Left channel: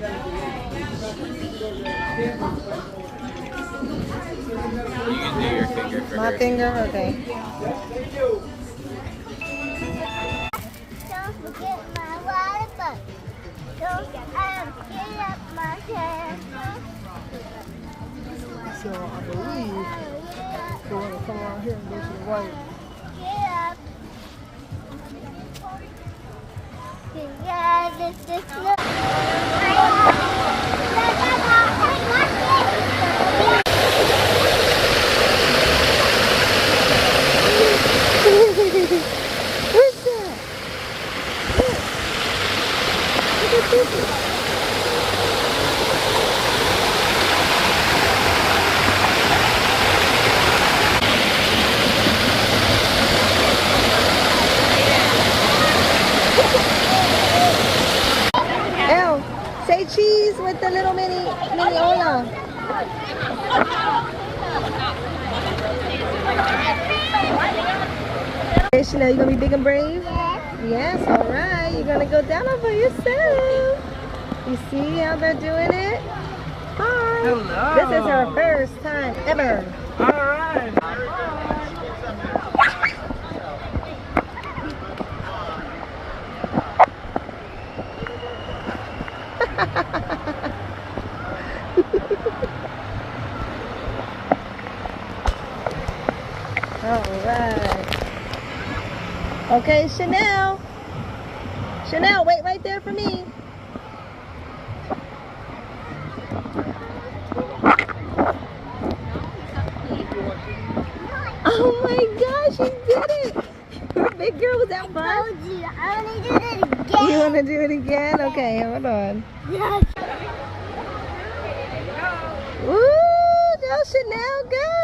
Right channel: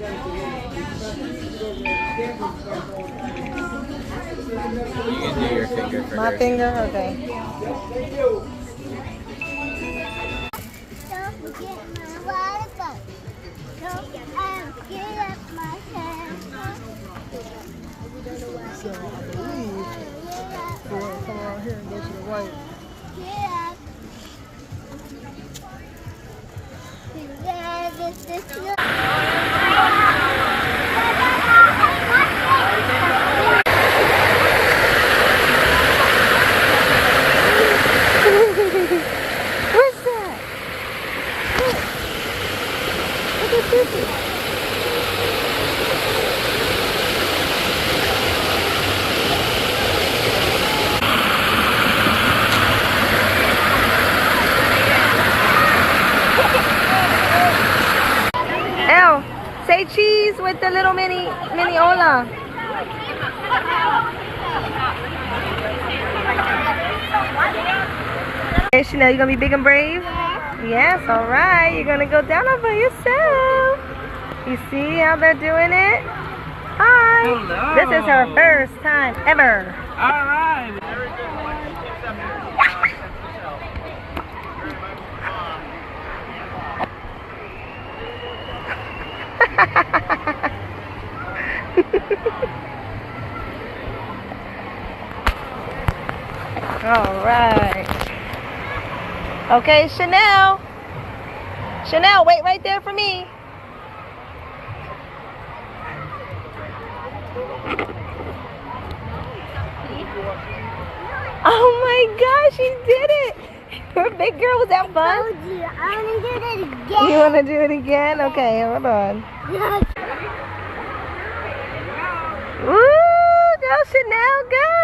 My finger? Okay. Don't forget my water. Don't forget my camera. So I believe we're going to come around here and go to the right. Yeah. Yeah, this is What's that? Look. Look at this. Elle, say cheese with the little mini Ola. Hey Chanel, you gonna be big and brave? Yes, all right. You're gonna go down over yourself. You see how they're doing it? Hi. Hello. This is her first time ever. All right. All right. Okay, Chanel. Chanel, wait right there for me. Oh my gosh, she did it. Your big girl, was that fun? I want to do it again. You want to do it again? Okay, hold on. Woo, go Chanel, go.